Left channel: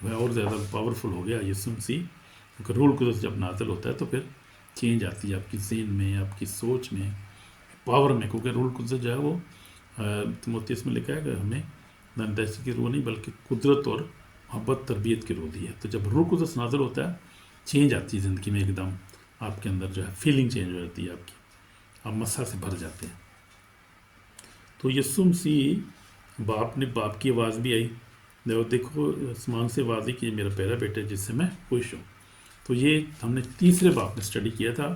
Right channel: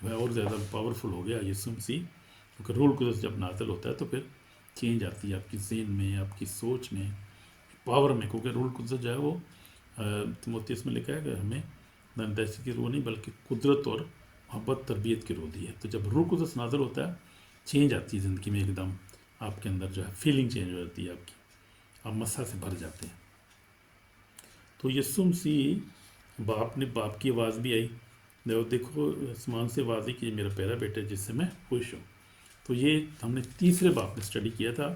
جو ہے اور زیادہ پاورفل ہو گیا یسوع مسیح، کیونکہ روح القدس جب نازل ہوتا ہے تو پھر چینج آتی ہے آپ کی ذہن میں، آپ کی سوچ میں، پاور میں، کیونکہ روح القدس جو ہے وہ تیموتھیوس میں لکھا ہے کہ ہمیں نہ دہشت کی روح نہیں بلکہ قدرت اور محبت تربیت کی روح دی ہے. تو جب روح القدس نازل ہوتا ہے چینج آتی ہے زندگی میں، ایک دم آپ کے اندر جو ہے فیلنگ چینج ہو جاتی ہے آپ کی، آپ مسح سے بھر جاتے ہیں. تو یسوع مسیح باپ کی آواز بھی آئی، دیکھو آسمان سے آواز ہے کہ یہ میرا پیارا بیٹا ہے جس سے میں خوش ہوں. تو یہ ہم نے تیسرے باپ میں اسٹڈی کیا تھا،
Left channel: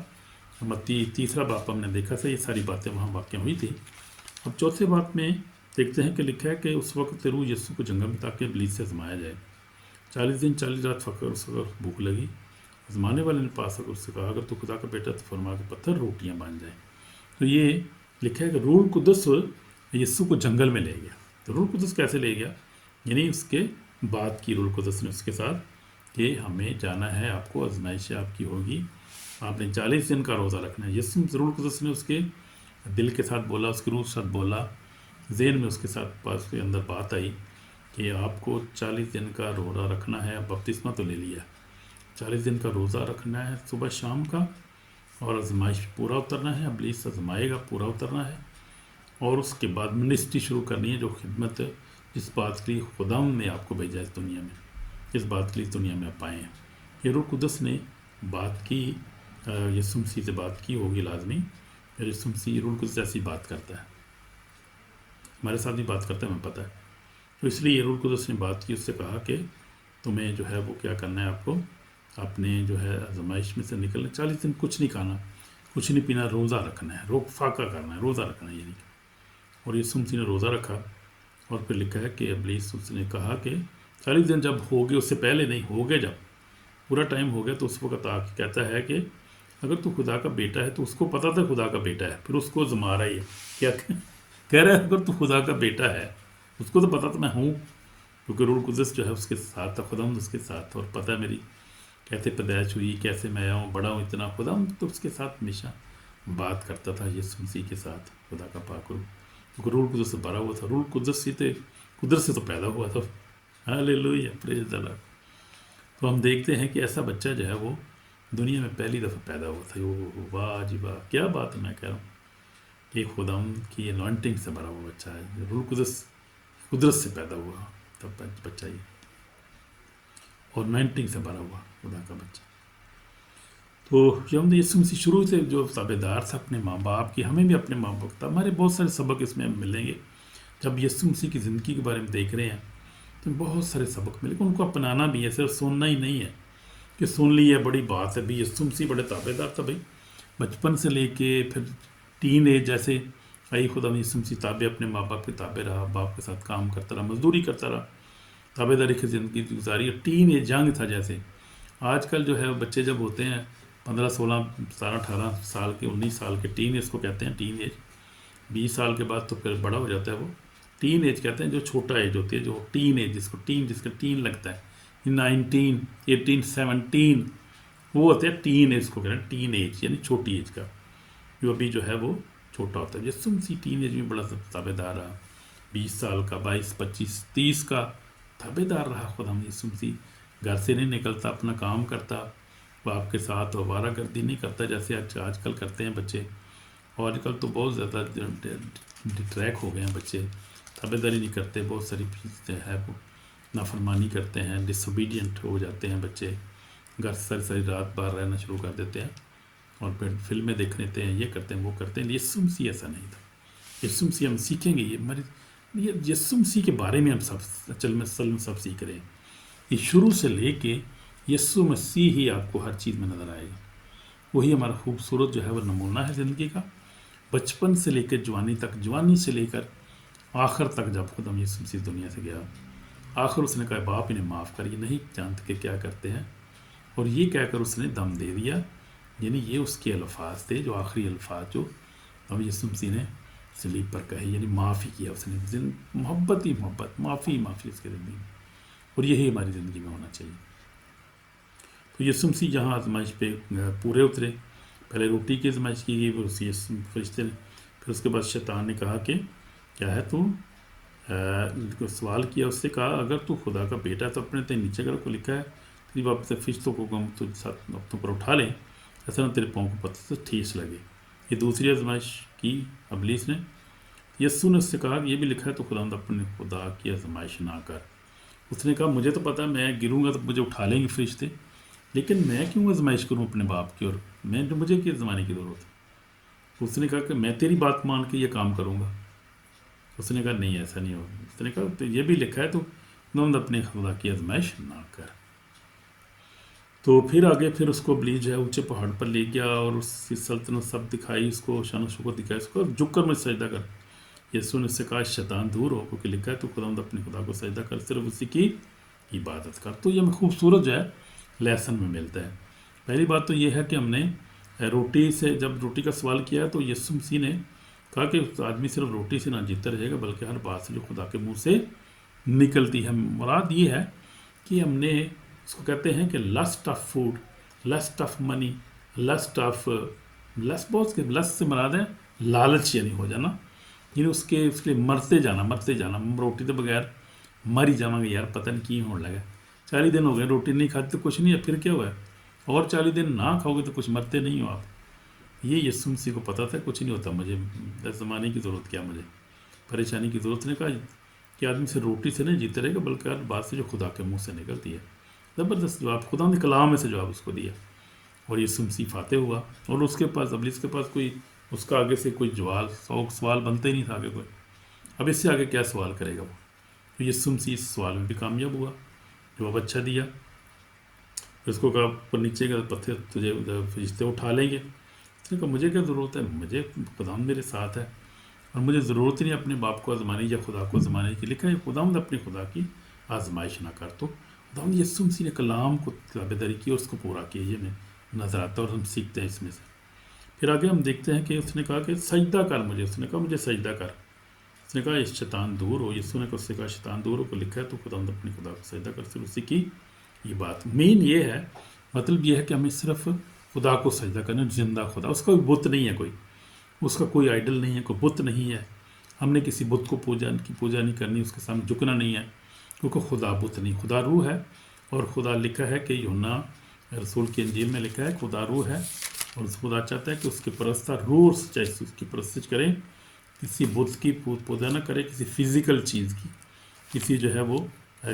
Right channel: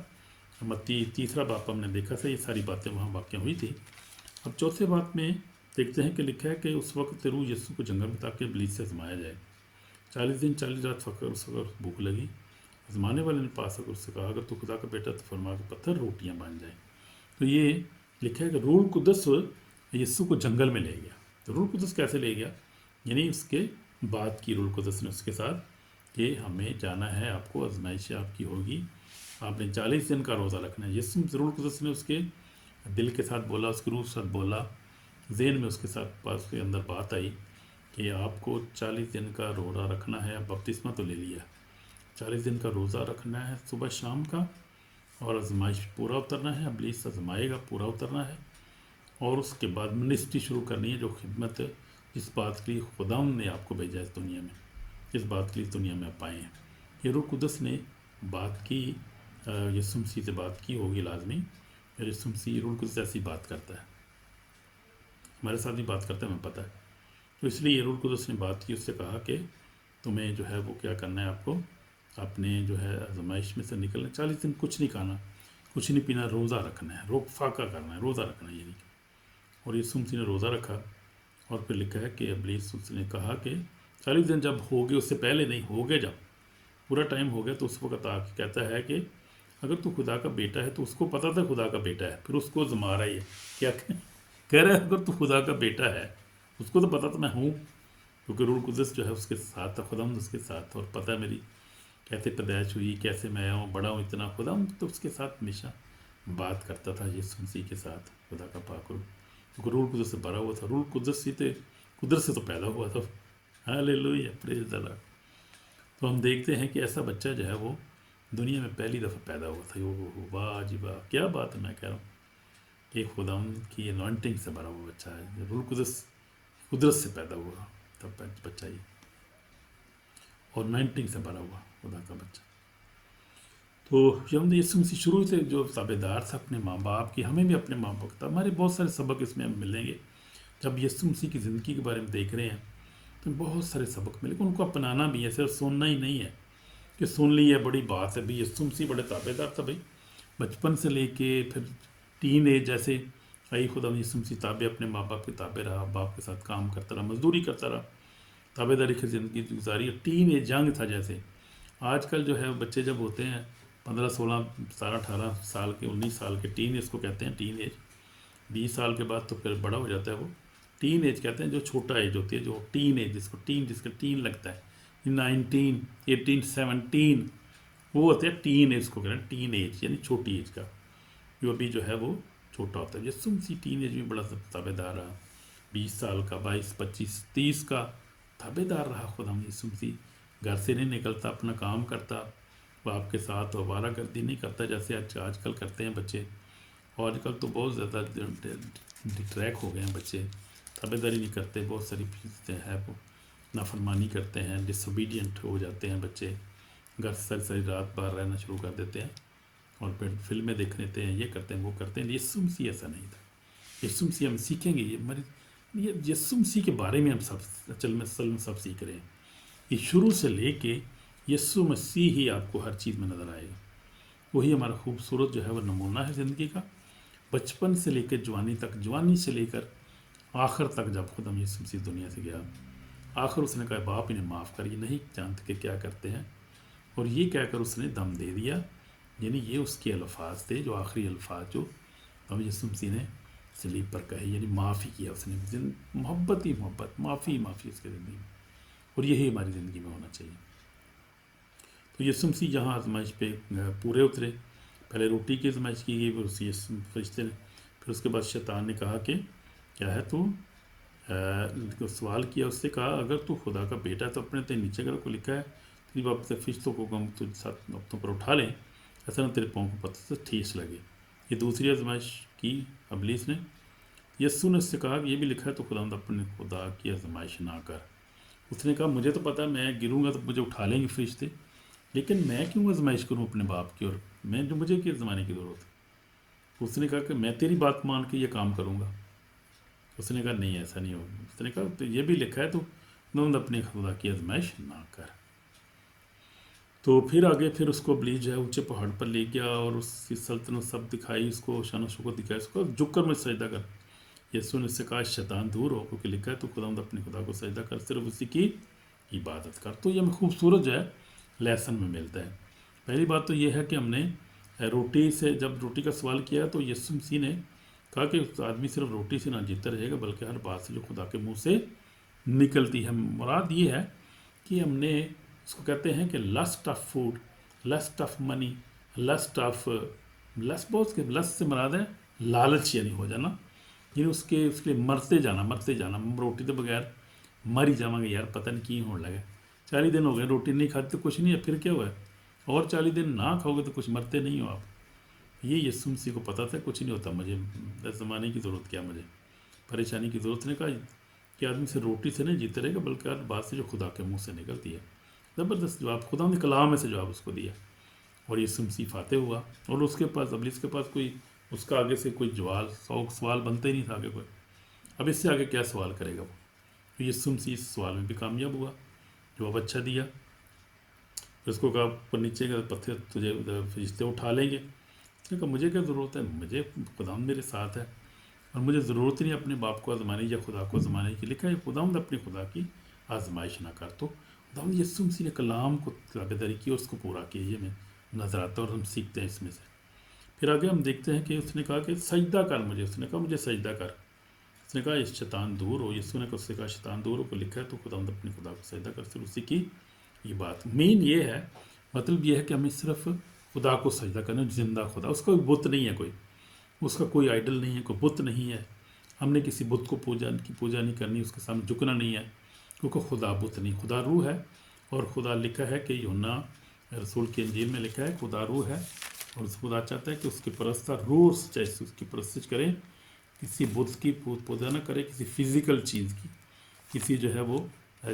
تیسرا باپ ہم نے دیکھا تھا، یہ ساری باتیں وہاں واقع ہوئی تھی. اب چوتھے باپ میں دیکھتے ہیں کہ لکھا ہے کہ اس وقت روح یسوع کو جنگل میں تاکہ ابلیس سے آزمایا جائے. 40 دن 40 رات فقر، اس وقت بھوک لگی. آزمانے والے نے پاس کر اس سے کہا اگر تو خدا کا بیٹا تو فرما کے پتھر روٹیاں بن جائیں. تو یہ لکھا ہے کہ روح القدس یسوع کو جنگل میں لے گیا. تو روح القدس کیسے لے گیا؟ یعنی اس کے بعد کی روح القدس نے اس کے ساتھ کہ ہمیں جانا ہے، آپ کو آزمائشیں آپ کی ہوگی، آپ نے 40 دن کا روزہ رکھنا ہے. یسوع روح القدس نے اس کے دل کے ساتھ بولا، اس کے روح کے ساتھ بولا، ذہن میں اس کے ساتھ اس کے اندر بات آئی کہ آپ کو 40 دن کا روزہ رکھنا ہے. اب بپتسمہ تو لے لیا، 40 دن کا روزہ رکھنا ہے صبح شام کا، اور آزمائش پورا اترنا ہے، ابلیس آزمائے گا، پورا اترنا ہے. اور اس کے بعد منسٹری شروع کرنی ہے، جو خدمت جس بات کے لیے خدا نے آپ کو بھیجا اس دنیا میں، اس بات کے لیے دنیا میں آپ آئے ہیں. یہ روح القدس نے بات کی، یسوع مسیح سے بات کی ہوگی لازمی. یسوع مسیح روح القدس ایسی بات کرتا ہے، ہمارے ساتھ بھی بات کرتا ہے، ہمیں پتہ ہے. تو اس لیے یہ روح القدس نے بات کی، اس سے کہا کہ تمہیں جو ہے وہ کیا کرنا ہے، آپ کو اپنے جو ہے آزمائش میں سے نکلنا، 40 دن کچھ نہیں کھانا، کچھ نہیں پینا، روزہ رکھنا ہے، فاقہ کرنا ہے، روزہ رکھنا ہے یعنی. اور یسوع مسیح نے روزہ رکھا. اور پھر لکھا ہے کہ ابلیس اس نے کہا کہ 40 دن جب ہو گئے، اس سے پہلے نہیں، ہو گئے، جب پورا ٹائم ہو گیا تو اس وقت آ کے کہتا ہے کہ اگر تو خدا کا بیٹا ہے، تو اس کو پتا تھا خدا کا بیٹا ہے، پھر اس کو آزما رہا ہے. کیا کہہ رہا ہے؟ اگر تو خدا کا بیٹا ہے، اس کو تو پتا تھا میں ہوں، کیونکہ روح القدس جو ہے اس کے ساتھ تھا، خدا اس کے ساتھ تھا، اور پتہ ہے میری کیسے پیدائش ہوئی، کیسے میں آیا ہوں، بڑا ہوں اتنا. خدا تو اس کے ساتھ ہمیشہ بات کرتا تھا، یسوع مسیح کے ساتھ، خدا کا پاک روح، کیونکہ روح القدس سے بھرا ہوا تھا. روح القدس سے قدرت سے تو پیدا ہوا تھا. ہاللیلویہ، پریز دی لارڈ. تو ہم دیکھتے ہیں کہ ایسا بچہ جو ہے وہ دنیا میں پہلی دفعہ پیدا ہوا تھا. واہ جی واہ، کیا بات ہے. میں کہہ رہا ہوں کہ خدا کی انوائنٹنگ سے بھرا ہوا بچہ ہے. روح القدس قدرت سے پیدا ہوا تب بچہ یہ، اور انوائنٹنگ سے بھرا ہوا خدا کا بچہ. تو جو ہم نے یسوع مسیح شروع سے جو تابع دار تھا اپنے ماں باپ کی، ہمیں بھی اپنے ماں باپ کا، ہمارے بہت سارے سبق اس میں ہمیں ملیں گے. جب یسوع مسیح کی زندگی کے بارے میں دیکھ رہے ہیں تو بہت سارے سبق ملے، ان کو اپنانا بھی ہے، صرف سننا ہی نہیں ہے کہ سن لی ہے بڑی بات ہے. بھی یسوع مسیح بڑے تابع دار تھا بھائی، بچپن سے لے کے پھر ٹین ایج جیسے آئی، خدا یسوع مسیح تابع، اپنے ماں باپ کے تابع رہا، باپ کے ساتھ کام کرتا رہا، مزدوری کرتا رہا، تابع داری کی زندگی گزاری. ٹین ایج جنگ تھا. جیسے آج کل جو ہے بچے جب ہوتے ہیں 15 16 17 18 سال کے، 19 سال کے، ٹین ایج کو کہتے ہیں، ٹین ایج. 20 سال کے بعد تو پھر بڑا ہو جاتا ہے وہ. ٹین ایج کہتے ہیں جو چھوٹا ایج ہوتی ہے، جو ٹین ایج جس کا ٹین لگتا ہے، 19 18 17، وہ ہوتے ہیں ٹین ایج کو کہتے ہیں. ٹین ایج یعنی چھوٹی ایج کا، جو ابھی جو ہے وہ چھوٹا ہوتا ہے. یسوع مسیح ٹین ایج میں بڑا تابع دار رہا، 20 سال کا، 22 25 30 کا تابع دار رہا. خدا یسوع مسیح گھر سے نہیں نکلتا، اپنا کام کرتا، باپ کے ساتھ آوارہ گردی نہیں کرتا جیسے آج کل کرتے ہیں بچے. اور آج کل تو بہت زیادہ ڈٹریک ہو گئے ہیں بچے، تابع داری نہیں کرتے، بہت ساری چیزیں ہے وہ نافرمانی کرتے ہیں، ڈس اوبیڈینٹ ہو جاتے ہیں بچے، گھر ساری رات باہر رہنا شروع کر دیتے ہیں، اور پھر فلمیں دیکھ لیتے ہیں، یہ کرتے ہیں وہ کرتے ہیں. یسوع مسیح ایسا نہیں تھا. یسوع مسیح ہم سیکھیں گے، یہ یسوع مسیح کے بارے میں ہم سب اصل میں سب سیکھ رہے ہیں. یہ شروع سے لے کے یسوع مسیح ہی آپ کو ہر چیز میں نظر آئے گا. وہی ہمارا خوبصورت جو ہے وہ نمونہ ہے زندگی کا، بچپن سے لے کے جوانی تک، جوانی سے لے کر آخر تک. جب خدا یسوع مسیح دنیا سے گیا، آخر اس نے کہا باپ انہیں معاف کر، یہ نہیں جانتے کہ کیا کرتے ہیں. اور یہ کہہ کر اس نے دم دے دیا. یعنی یہ اس کے الفاظ تھے، جو آخری الفاظ جو اب یسوع مسیح نے صلیب پر کہے، یعنی معافی کیا اس نے. محبت ہی محبت، معافی ہی معافی اس کے زندگی میں. اور یہی ہماری زندگی میں ہونا چاہیے. تو یسوع مسیح جہاں آزمائش پہ پورے اترے، پہلے روٹی کی آزمائش کی گئی، پھر اسی فرشتے، پھر اس کے بعد شیطان نے کہا کہ کیا ہے تو سوال کیا اس سے، کہا اگر تو خدا کا بیٹا ہے تو اپنے تے نیچے کر کو لکھا ہے تیری واپس سے فرشتوں کو ہم تجھ ساتھ اپنوں پر اٹھا لیں، ایسا نہ تیرے پاؤں کو پتھر سے ٹھیس لگے۔ یہ دوسری آزمائش کی ابلیس نے۔ یسوع نے اس سے کہا کہ یہ بھی لکھا ہے تو خداوند اپنے خدا کی آزمائش نہ کر۔ اس نے کہا مجھے تو پتہ ہے میں گروں گا تو مجھے اٹھا لیں گے فرشتے، لیکن میں کیوں آزمائش کروں اپنے باپ کی، اور مجھے کیا زمانے کی ضرورت ہے۔ اس نے کہا کہ میں تیری بات مان کے یہ کام کروں گا۔ اس نے کہا نہیں ایسا نہیں ہوگا۔ اس نے کہا تو یہ بھی لکھا ہے تو خداوند اپنے خدا کی آزمائش نہ کر۔ تو پھر آگے پھر اس کو ابلیس جو ہے اونچے پہاڑ پر لے گیا اور اس کی سلطنت سب دکھائی، اس کو شان و شوکت دکھائی، اس کو جھک کر مجھے سجدہ کر۔ یسوع نے اس سے کہا شیطان دور ہو، کیونکہ لکھا ہے تو خداوند اپنے خدا کو سجدہ کر، صرف اسی کی عبادت کر۔ تو یہ ہمیں خوبصورت جو ہے لیسن میں ملتا ہے۔ پہلی بات تو یہ ہے کہ ہم نے روٹی سے، جب روٹی کا سوال کیا تو یسوع مسیح نے کہا کہ آدمی صرف روٹی سے نہ جیتا رہے گا بلکہ ہر بات سے جو خدا کے منہ سے نکلتی ہے۔ مراد یہ ہے کہ ہم نے اس کو کہتے ہیں کہ list of food, list of money, list of list, بہت کے لسٹ سے مراد ہے لالچ، یعنی ہو جانا، یعنی اس کے لیے مرتے جانا۔ روٹی تو بغیر مر ہی جاؤں گے یار، پتہ نہیں کی ہونے لگا، 40 دن ہو گئے روٹی نہیں کھاتے تو کچھ نہیں ہے، پھر کیا ہوا ہے، اور 40 دن نہ کھاؤ گے تو کچھ مرتے نہیں ہو آپ۔ یہ یسوع مسیح کو پتہ تھا کچھ نہیں ہوتا، مجھے زمانے کی ضرورت کیا، مجھے پریشانی کی ضرورت۔ نے کہا کہ آدمی سے روٹی سے نہیں جیتے رہے گا بلکہ ہر بات سے جو خدا کے منہ سے نکلتی ہے۔ زبردست جواب، خدا نے کلام میں سے جواب اس کو دیا، اور یسوع مسیح فاتح ہوا۔ اور اس کے پاس ابلیس کے پاس کوئی اس کا آگے سے کوئی سوال بنتا ہی نہیں تھا آگے کوئی، اب اس سے آگے کیا سوال کرے گا وہ۔ تو یسوع مسیح اس سوال میں بھی کامیاب ہوا، جواب اچھا دیا۔ اس کو کہا اوپر نیچے کا پتھر تجھے فرشتے اٹھا لیں گے۔ اس نے کہا مجھے کیا ضرورت ہے، مجھے خداوند میرے ساتھ ہے، اور مجھے ضرورت ہی نہیں اپنے باپ کو آزمانے یا خدا کو آزمانے کی۔ لکھا ہے خداوند اپنے خدا کی آزمائش نہ کر۔ تو خداوند یسوع مسیح نے کلام کو تابع داری کی اور اس کو پورا کیا، یہ ہمیں نظر آتا ہے اور ہم سیکھتے ہیں اس میں سے۔ پھر آگے ہم دیکھتے ہیں کہ اس نے کہا کہ سجدہ کر مجھے، اس نے کہا مجھے سجدہ کر۔ اس نے کہا شیطان دور ہو، یسوع نے اس سے کہا شیطان دور ہو، کو لکھا ہے تو خداوند اپنے خدا کو سجدہ کر، صرف اسی کی یہ بات مین یہ ہے، مطلب یہ ہے کہ ہمیں صرف خدا کو سجدہ کرنا، زندہ خدا، اس کا کوئی بت نہیں ہے، کوئی اس کا کوئی آئیڈل نہیں ہے، کوئی بت نہیں ہے، ہم نے کسی بت کو پوجا نہیں کرنی، اس کے سامنے جھکنا نہیں ہے، کیونکہ خدا بت نہیں، خدا روح ہے۔ اور خدا لکھا ہے کہ یوحنا رسول کی انجیل میں لکھا ہے خدا روح ہے، اور خدا چاہتا ہے کہ اس کے پرستار روح اور سچائی سے اس کی پرستش کریں، کسی بت کی پوجا نہ کرے، کسی فزیکل چیز کی، کسی جو ہے وہ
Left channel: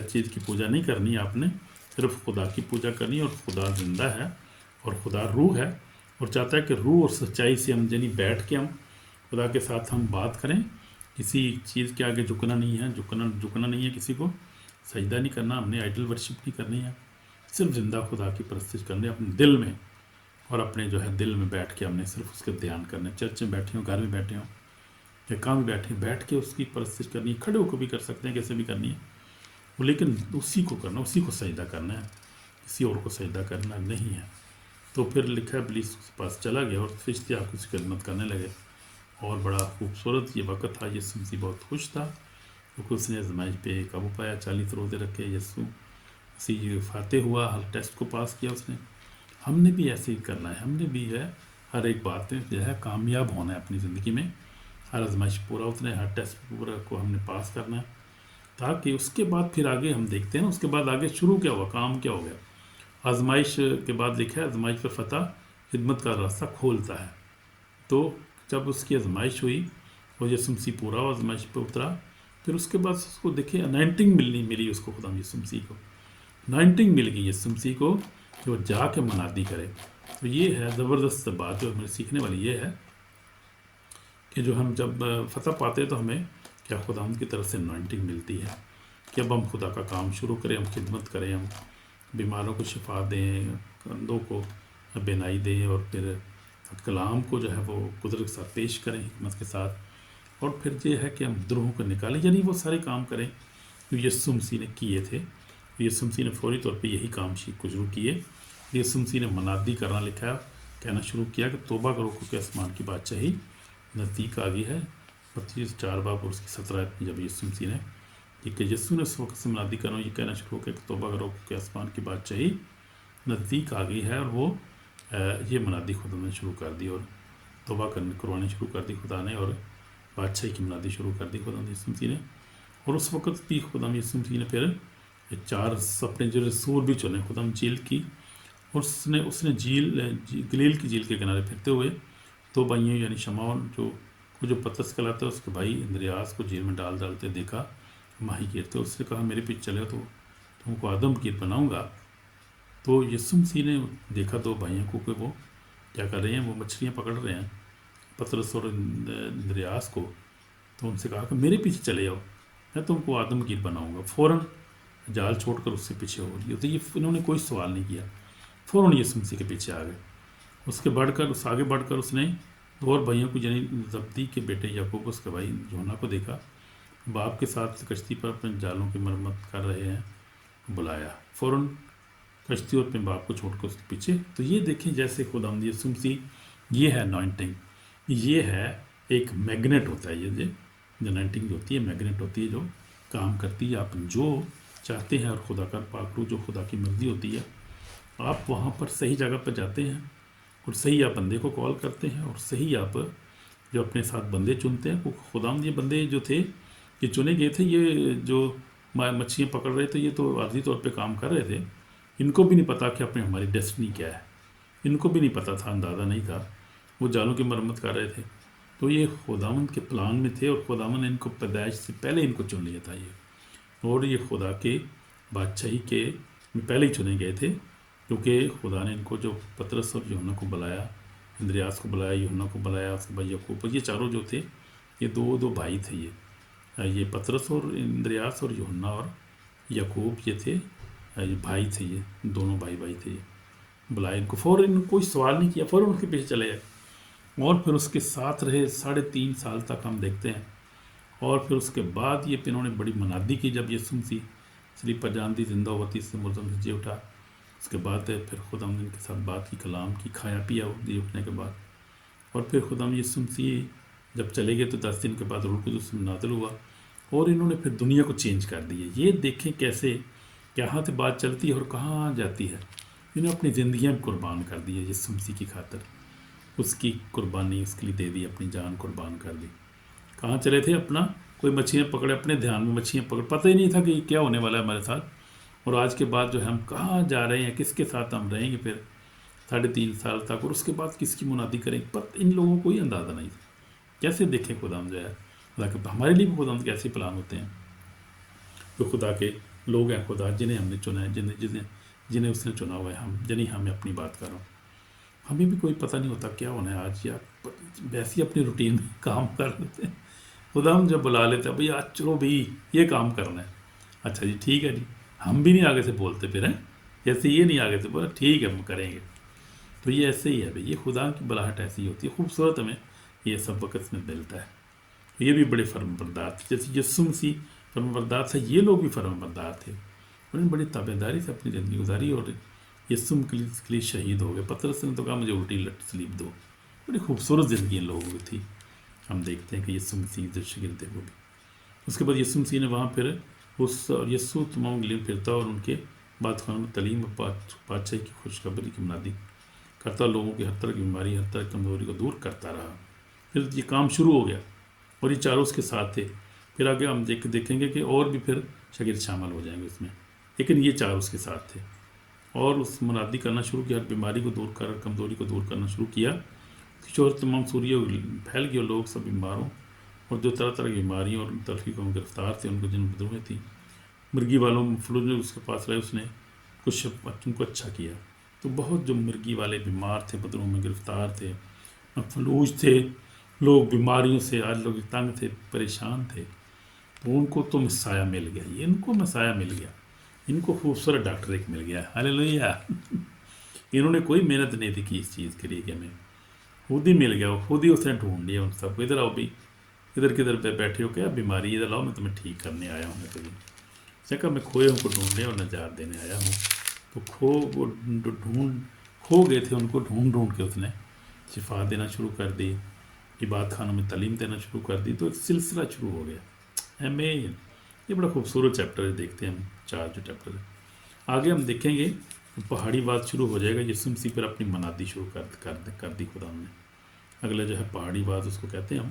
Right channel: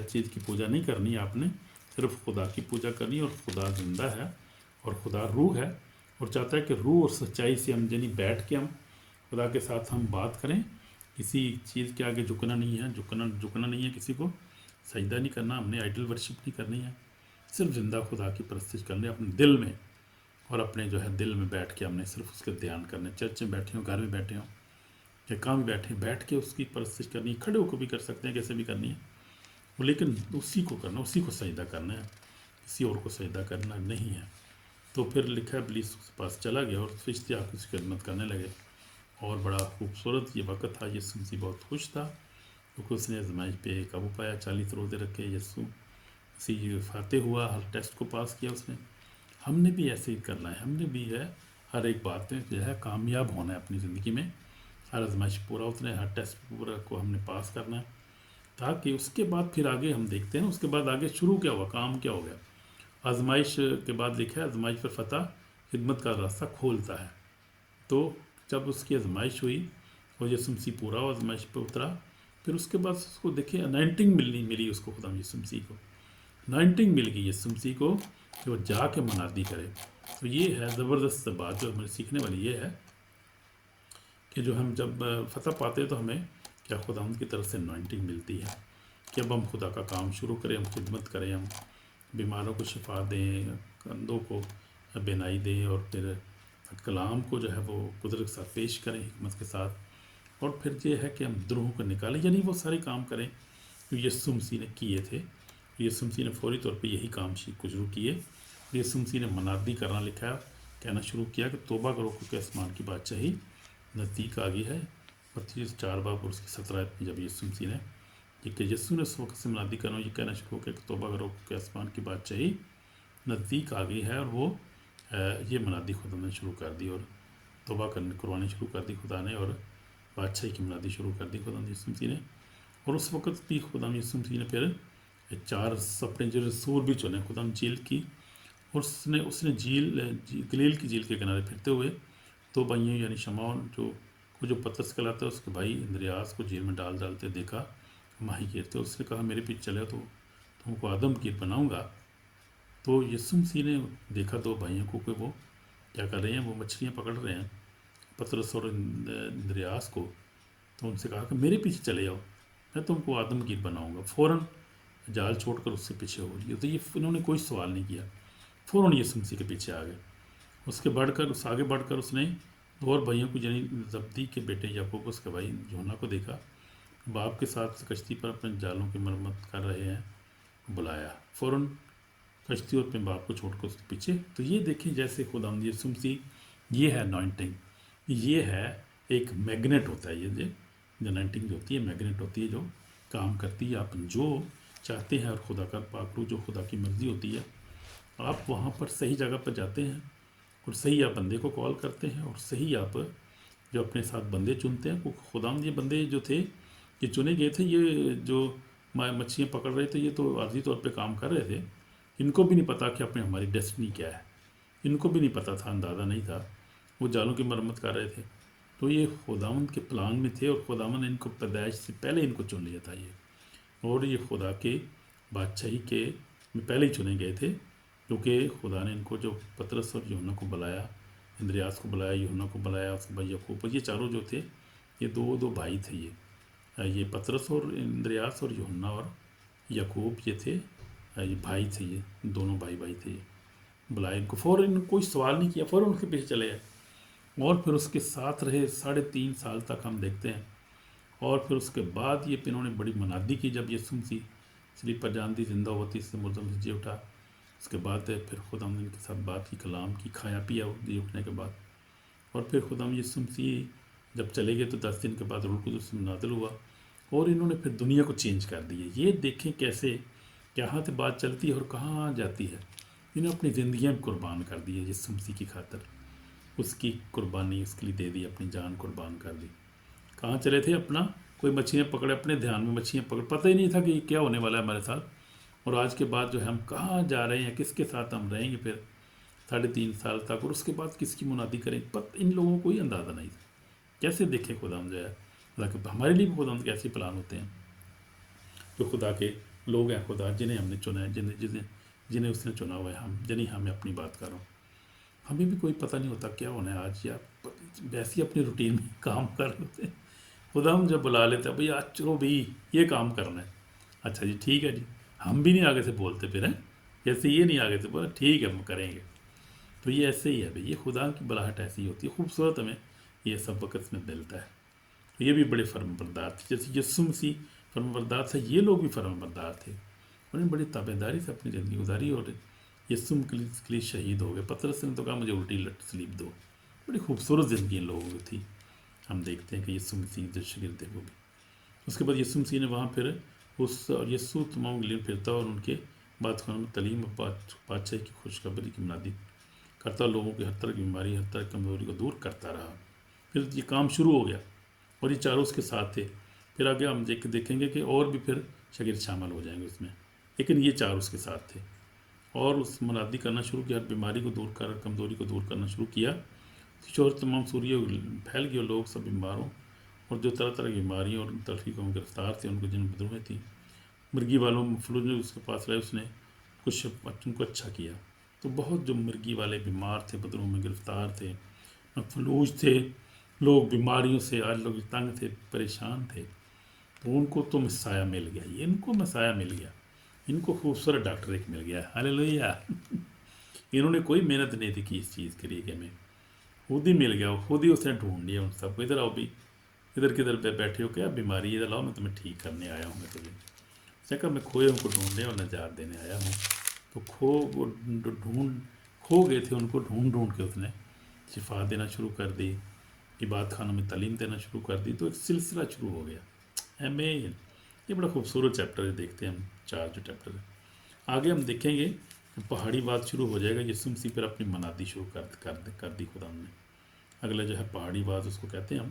چیز کی پوجا نہیں کرنی، آپ نے صرف خدا کی پوجا کرنی، اور خدا زندہ ہے اور خدا روح ہے، اور چاہتا ہے کہ روح اور سچائی سے ہم یعنی بیٹھ کے ہم خدا کے ساتھ ہم بات کریں، کسی چیز کے آگے جھکنا نہیں ہے، جھکنا نہیں ہے، کسی کو سجدہ نہیں کرنا، ہم نے آئیڈل ورشپ نہیں کرنی ہے، صرف زندہ خدا کی پرستش کرنی ہے اپنے دل میں، اور اپنے جو ہے دل میں بیٹھ کے ہم نے صرف اس کے دھیان کرنا ہے۔ چرچ میں بیٹھے ہوں، گھر میں بیٹھے ہوں یا کام میں بیٹھ کے اس کی پرستش کرنی ہے، کھڑے ہو کے بھی کر سکتے ہیں، کیسے بھی کرنی ہے، لیکن اسی کو کرنا، اسی کو سجدہ کرنا ہے، کسی اور کو سجدہ کرنا نہیں ہے۔ تو پھر لکھا ہے ابلیس اس کے پاس چلا گیا اور فرشتے آپ کی خدمت کرنے لگے، اور بڑا خوبصورت یہ وقت تھا۔ یسوع مسیح بہت خوش تھا کیونکہ اس نے آزمائش پہ قابو پایا، 40 روزے رکھے، یسوع مسیح فاتح ہوا، ہر ٹیسٹ کو پاس کیا اس نے۔ ہم نے بھی ایسے ہی کرنا ہے، ہم نے بھی ہے ہر ایک بات میں جو ہے کامیاب ہونا ہے اپنی زندگی میں، ہر آزمائش پورا اتنا ہے، ہر ٹیسٹ پورا کو ہم نے پاس کرنا ہے، تاکہ اس کے بعد پھر آگے ہم دیکھتے ہیں نا، اس کے بعد آگے شروع کیا ہوا، کام کیا ہو گیا۔ آزمائش کے بعد لکھا ہے آزمائش پر فتح خدمت کا راستہ کھولتا ہے۔ تو جب اس کی آزمائش ہوئی اور یسوع مسیح پورا آزمائش پہ اترا، پھر اس کے بعد اس کو دیکھیں انائنٹنگ ملی اس کو، خدا یسوع مسیح کو انائنٹنگ مل گئی یسوع مسیح کو کہ وہ جا کے منادی کرے۔ تو یہ ہے زبردست بات جو ہمیں سیکھنے والی، یہ ہے کہ جو ہم جب فتح پاتے تو ہمیں کیا خدا کی طرف سے انائنٹنگ ملتی ہے کہ اب ہم خدا کا کام شروع کریں، ہم خدمت کریں، ہم بیماروں کو شفا دیں، اندھوں کو بینائی دیں، اور پھر کلام کو جو ہے وہ قدرت کے ساتھ پیش کریں، حکمت کے ساتھ، اور پھر یہ ہے کہ ہم دروہوں کو نکالیں، یعنی وہ سارے کام کریں جو یسوع مسیح نے کیے تھے۔ یسوع مسیح نے فوری طور پہ یہی کام کو شروع کیے۔ یسوع مسیح نے منادی کرنا لکھا ہے، کہنا شروع کیا کہ توبہ کرو کیونکہ آسمان کی بادشاہی نزدیک آ گئی ہے۔ متی 4 باب اور اس کی 17 آیت میں جب یسوع مسیح نے کہ یسوع نے اس وقت سے منادی کرو، یہ کہنا شروع کیا کہ توبہ کرو کہ آسمان کی بادشاہی نزدیک آ گئی ہے، اور وہ یہ منادی خدا نے شروع کر دی، اور توبہ کروانی شروع کر دی خدا نے، اور بادشاہی کی منادی شروع کر دی خدا نے یسوع مسیح نے۔ اور اس وقت بھی خدا یسوع مسیح نے پھر 4 اپنے جو رسول بھی چنے، خدا جھیل کی، اور اس نے گلیل کی جھیل کے کنارے پھرتے ہوئے 2 بھائیوں یعنی شمعون جو پترس کہلاتا ہے اس کے بھائی اندریاس کو جھیل میں ڈالتے دیکھا ماہی گیر تھے. اس نے کہا میرے پیچھے چلے تو تم کو آدم گیر بناؤں گا. تو یسوع مسیح نے دیکھا 2 بھائیوں کو کہ وہ کیا کر رہے ہیں، وہ مچھلیاں پکڑ رہے ہیں، پترس اور اندریاس کو. تو ان سے کہا کہ میرے پیچھے چلے جاؤ، میں تم کو آدم گیر بناؤں گا. فوراً جال چھوڑ کر اس سے پیچھے ہو رہی. تو یہ انہوں نے کوئی سوال نہیں کیا، فوراً یسوع مسیح کے پیچھے آ گئے. آگے بڑھ کر اس نے 2 اور بھائیوں کو یعنی زبدی کے بیٹے یعقوب کے بھائی یوحنا کو دیکھا، باپ کے ساتھ کشتی پر اپنے جالوں کی مرمت کر رہے ہیں، بلایا. فوراً کشتی اور اپنے باپ کو چھوڑ کر اس کے پیچھے. تو یہ دیکھیں جیسے خداوند یسوع مسیح، یہ ہے انوائنٹنگ، یہ ہے ایک میگنیٹ ہوتا ہے. یہ انوائنٹنگ جو ہوتی ہے میگنیٹ ہوتی ہے جو کام کرتی ہے. آپ جو چاہتے ہیں اور خدا کا پاک روح جو خدا کی مرضی ہوتی ہے، آپ وہاں پر صحیح جگہ پر جاتے ہیں اور صحیح آپ بندے کو کال کرتے ہیں اور صحیح آپ جو اپنے ساتھ بندے چنتے ہیں. وہ خداوند یہ بندے جو تھے یہ چنے گئے تھے، یہ جو مچھلیاں پکڑ رہے تھے، یہ تو عارضی طور پہ کام کر رہے تھے. ان کو بھی نہیں پتا کہ اپنے ہماری ڈیسٹنی کیا ہے، ان کو بھی نہیں پتا تھا، اندازہ نہیں تھا. وہ جالوں کی مرمت کر رہے تھے. تو یہ خداوند کے پلان میں تھے اور خداوند نے ان کو پیدائش سے پہلے ان کو چن لیا تھا. اور یہ خدا کے بادشاہی کے میں پہلے ہی چنے گئے تھے، کیونکہ خدا نے ان کو جو پترس اور یوحنا کو بلایا، اندریاس کو بلایا، یوحنا کو بلایا، اس کے بعد یعقوب، یہ چاروں جو تھے یہ 2 بھائی تھے. یہ پترس اور اندریاس اور یوحنا اور یعقوب یہ تھے، یہ بھائی تھے، یہ دونوں بھائی تھے. یہ بلائے ان کو، فوراً کوئی سوال نہیں کیا، فوراً ان کے پیچھے چلے گئے. اور پھر اس کے ساتھ رہے 3.5 سال تک ہم دیکھتے ہیں. اور پھر اس کے بعد یہ انہوں نے بڑی منادی کی جب یسوع مسیح سلیب پر جان دی، زندہ ہوا، تیسرے مردوں سے جی اٹھا. اس کے بعد پھر خدا ان کے ساتھ بات کی، کلام کی، کھایا پیا جی اٹھنے کے بعد. اور پھر خدا یسوع مسیح جب چلے گئے تو 10 دن کے بعد روح القدس نازل ہوا اور انہوں نے پھر دنیا کو چینج کر دی ہے. یہ دیکھیں کیسے کہاں سے بات چلتی ہے اور کہاں جاتی ہے. انہوں نے اپنی زندگیاں قربان کر دی ہے یسوع مسیح کی خاطر. اس کی قربانی اس کے لیے دے دی، اپنی جان قربان کر دی. کہاں چلے تھے؟ اپنا کوئی مچھلیاں پکڑے، اپنے دھیان میں مچھلیاں پکڑ، پتہ ہی نہیں تھا کہ یہ کیا ہونے والا ہے ہمارے ساتھ. اور آج کے بعد جو ہے ہم کہاں جا رہے ہیں، کس کے ساتھ ہم رہیں گے پھر 3.5 سال تک، اور اس کے بعد کس کی منادی کریں گے. ان لوگوں کو کوئی اندازہ نہیں تھا. کیسے دیکھیں خدا جو ہے، خدا کے ہمارے لیے بھی خدا کیسے پلان ہوتے ہیں. جو خدا کے لوگ ہیں، خدا جنہیں ہم نے چنا ہے، جنہیں اس نے چنا ہوا ہے، ہمیں اپنی بات کر رہا ہوں. ہمیں بھی کوئی پتہ نہیں ہوتا کیا ہونا ہے آج، یا ویسے ہی اپنی روٹین میں کام کر لیتے ہیں. خدا ہم جب بلا لیتے ہیں بھائی آج چلو بھائی یہ کام کرنا ہے، اچھا جی ٹھیک ہے جی. ہم بھی نہیں آگے سے بولتے پھر ہیں، جیسے یہ نہیں آگے سے بولا ٹھیک ہے ہم کریں گے. تو یہ ایسے ہی ہے بھائی، یہ خدا کی بلاہٹ ایسی ہوتی ہے. خوبصورت ہمیں یہ سب وقت میں ملتا ہے. یہ بھی بڑے فرم بردار تھے، جیسے یسوع مسیح فرم بردار تھے، یہ لوگ بھی فرم بردار تھے. انہوں نے بڑی تابع داری سے اپنی زندگی گزاری اور یسوع کے لیے شہید ہو گئے. پترس نے تو کہا مجھے الٹی سلیب دو. بڑی خوبصورت زندگی ان لوگوں کی تھی. ہم دیکھتے ہیں کہ یسوع مسیح جو شاگرد تھے وہ بھی. اس کے بعد یسوع مسیح نے وہاں پھر اور یسوع تمام گلیل پھرتا اور ان کے بعد خانوں میں تعلیم اور بادشاہی کی خوشخبری کی منادی کرتا، لوگوں کی ہر طرح کی بیماری، ہر طرح کی کمزوری کو دور کرتا رہا. پھر یہ کام شروع ہو گیا اور یہ چاروں اس کے ساتھ تھے. پھر آگے ہم دیکھیں گے کہ اور بھی پھر شاگرد شامل ہو جائیں گے اس میں، لیکن یہ 4 اس کے ساتھ تھے. اور اس منادی کرنا شروع کیا، ہر بیماری کو دور کر، کمزوری کو دور کرنا شروع کیا. شہرت تمام سوریہ پھیل گئی اور لوگ سب بیماروں اور جو طرح طرح کی بیماریوں اور تلخی کو گرفتار تھے ان کو جن بدروہیں تھی، مرگی والوں فلوج نے اس کے پاس رہے، اس نے کچھ بچوں کو اچھا کیا. تو بہت جو مرگی والے بیمار تھے، بدروہوں میں گرفتار تھے، فلوج تھے، لوگ بیماریوں سے آج لوگ تنگ تھے، پریشان تھے، تو ان کو تو مسایہ مل گیا. ان کو مسایہ مل گیا، ان کو خوبصورت ڈاکٹر ایک مل گیا. ہاللیلویہ. انہوں نے کوئی محنت نہیں کی اس چیز کے لیے کہ ہمیں خود ہی مل گیا، خود ہی اس نے ڈھونڈ لیا ان سب کو. ادھر آؤ بھی، ادھر کدھر پہ بیٹھے ہو، کیا بیماری ادھر لاؤ، میں تمہیں ٹھیک کرنے آیا ہوں. میں کہا میں کھوئے ان کو ڈھونڈنے اور نجات دینے آیا ہوں. تو وہ کھو گئے تھے، ان کو ڈھونڈ کے اس نے شفا دینا شروع کر دی، عبادت خانوں میں تعلیم دینا شروع کر دی. تو ایک سلسلہ شروع ہو گیا. آمین. یہ بڑا خوبصورت چیپٹر ہے. دیکھتے ہیں ہم 4 جو چیپٹر ہے. آگے ہم دیکھیں گے پہاڑی بات شروع ہو جائے گا. یسوع مسیح پر اپنی منادی شروع کر دی خدا نے. اگلا جو ہے پہاڑی بات اس کو کہتے ہیں ہم.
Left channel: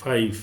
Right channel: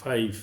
5,